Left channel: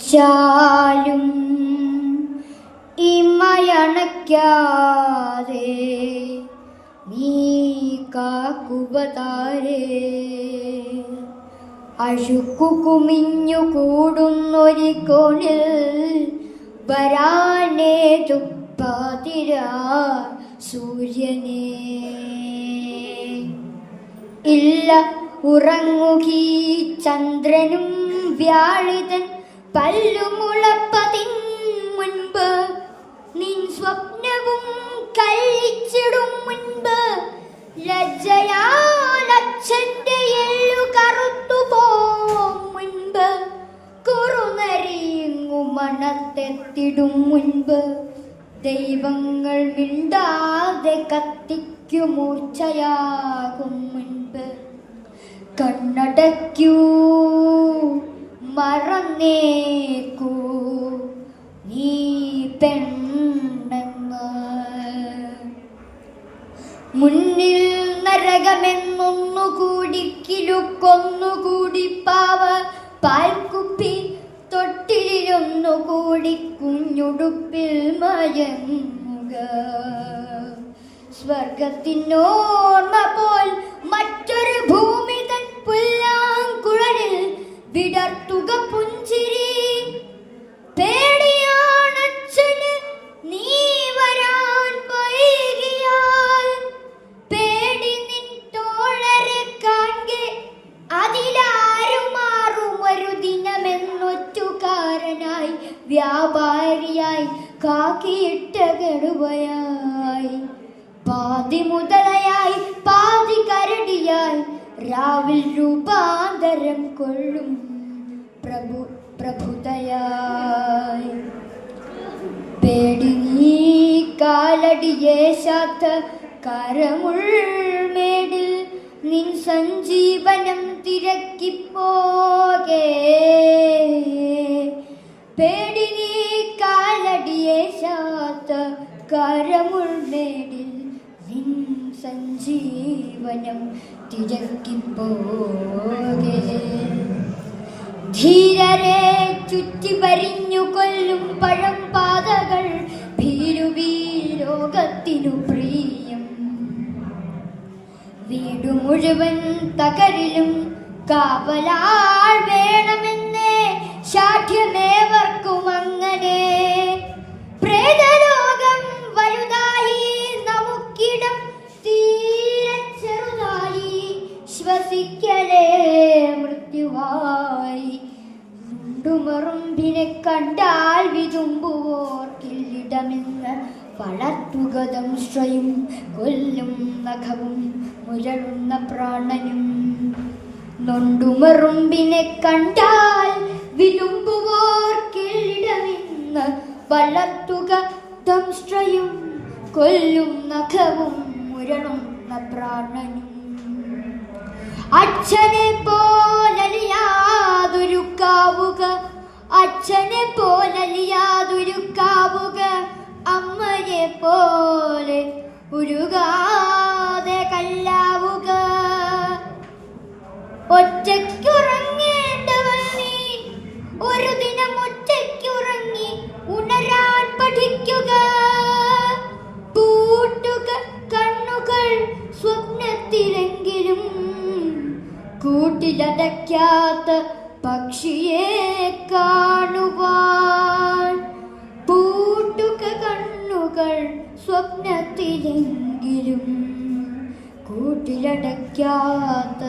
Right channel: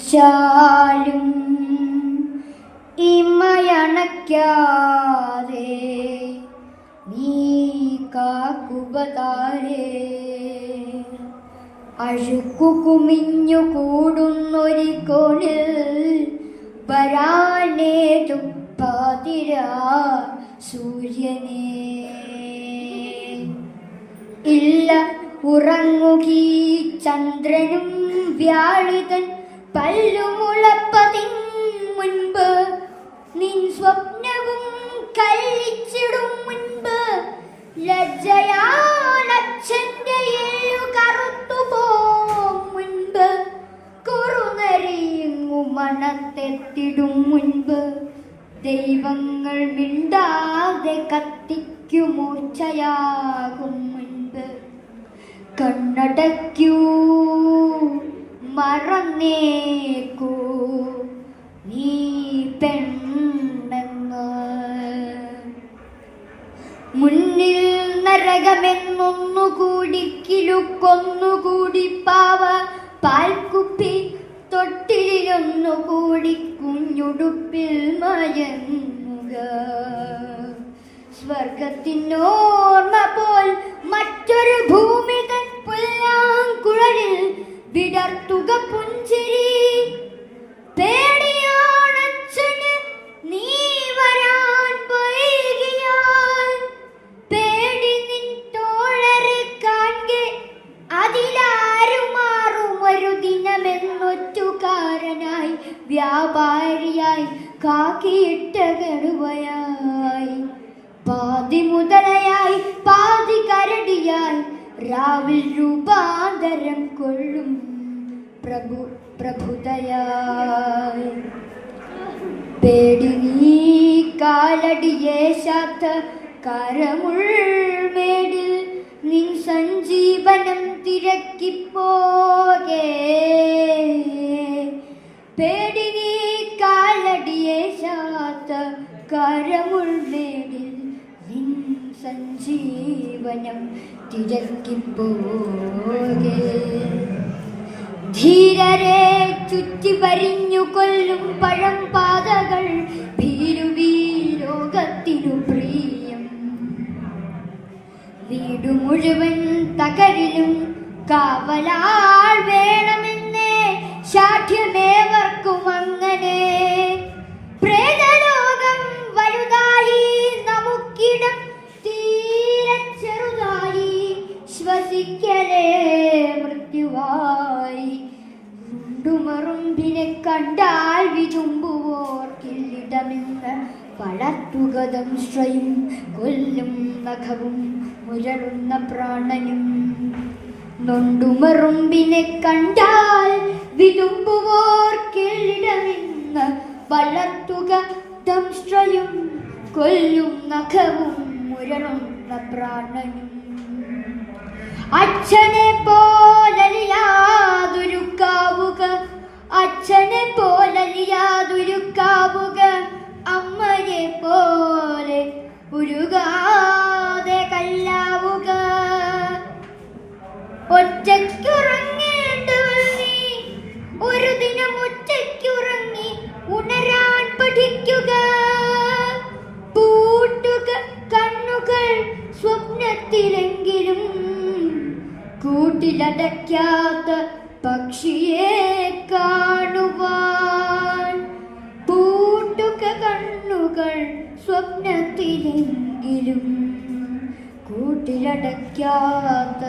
മരിച്ചാലും ഇമയണയ്ക്കാതെ നീ കാക്കുപതാരേ. അഴുക്കു കുമിഞ്ഞു കൂടുന്നൊരു കോണിൽ വരാനേതു പാതിരാ സൂര്യനേ. ഇല്ല ഉറങ്ങുകീ ചന്ദ്രനും വ്യാഴിതൻ പല്ലുമുളപ്പതിൻ മുൻപ്, നിൻ സ്വപ്നവും കഴിച്ചിടും മുൻപ്. ലജ്ജയാലച്ഛന്റെ എല്ലു കറുത്തുപോകും മുൻപ്, കുറുനരിയുങ്ങു മണത്തെത്തിടും മുൻപ്. ദൈവങ്ങൾ മിണ്ടാതെ കത്തിക്കു മൂർച്ചയാകും മുൻപ്. കണ്ണടയ്ക്കൂ മറന്നേക്കൂ നീ പെണ്ണെന്ന്. മുന്നിൽ നരകമെന്നൊന്നുകൂടി കിലുക്കൊന്നുകൂടി പാവ പാൽക്കുപ്പി തൊട്ടിലൊന്നുകൂടി കുഞ്ഞുടുപ്പിൽ മയങ്ങുക. സ്വർഗത്തിനോർമ്മ പോൽ മറ്റൊരു ഭൂമി തൻ പുല്ലാങ്കുഴലിൽ വിടർത്തുക പുഞ്ചിരി. പേടിയാണച്ഛന് നീ വരാൻ വൈകിയാൽ, പേടി നിൻ തോഴരെ കാൺകെ അതിലാരും മാറും ഒരു ദിനമെന്നൊറ്റുകാരനായി, വ്യാപാരിയായി കാക്കിയിട്ട കടുവയായി, പാതി മുതലയായി പാതി കരടിയായി, രാവിൽ രൂപാന്തരം കൊള്ളും പ്രഭുതയായി. പേടി നീ കാലടിയേശാത്ത കരമുൾമേടിൽ നിൻ സഞ്ജീവനം തിരക്കിപ്പോകേ. പേടി നീ കാലടിയേശാത്ത കരമുൾമേടിൽ നിൻ സഞ്ജീവനം തിരക്കിപ്പോകേ. ധീരരെ ചുറ്റി വരിഞ്ഞു കൊല്ലും പഴം പാതകൾ ഭീരുവീ ലോകത്തിനു പ്രിയം. വീടു മുഴുവൻ തകരിലും കാവലാൾ വേണമെന്നേ ശാഠ്യമേവർക്കും അങ്ങനെ. പ്രേതലോകം വലുതായി നമുക്കിടം തീരെ ചെറുതായി, ശ്വസിക്കലേ മൃത്യുവായി. ഉണ്ടുമറുമ്പിനെ കണ്ടാൽ വിതുമ്പുവോർക്കില്ലിടമെന്ന് വളർത്തുക ദംശ്രയും കൊല്ലും നഖവും മുരളുന്ന പ്രാണനും. നൊണ്ടുമറുമ്പിനെ കണ്ടാൽ വിതുമ്പുവോർക്കില്ലിടമെന്ന് വളർത്തുക ദംശ്രയും കൊല്ലും നഖവും മുരളുന്ന പ്രാണനും. അച്ഛനെ പോലലിയാതൊരുക്കാവുക, അച്ഛനെ പോലലിയാതൊരുക്കാവുക, അമ്മയെ പോലെ ഉരുകാതെ കല്ലാവുക. ഒറ്റയ്ക്കുറങ്ങേണ്ടവൾ നീ, ഒരു ദിനം ഒറ്റയ്ക്കുറങ്ങി ഉണരാൻ പഠിക്കുക. പൂട്ടുക കണ്ണുകൾ സ്വപ്നത്തിലെങ്കിലും, കൂട്ടിലടയ്ക്കാത്ത പക്ഷിയെ കാണുവാൻ. പൂട്ടുക കണ്ണുകൾ സ്വപ്നത്തിലെങ്കിലും, കൂട്ടിലടയ്ക്കാത്ത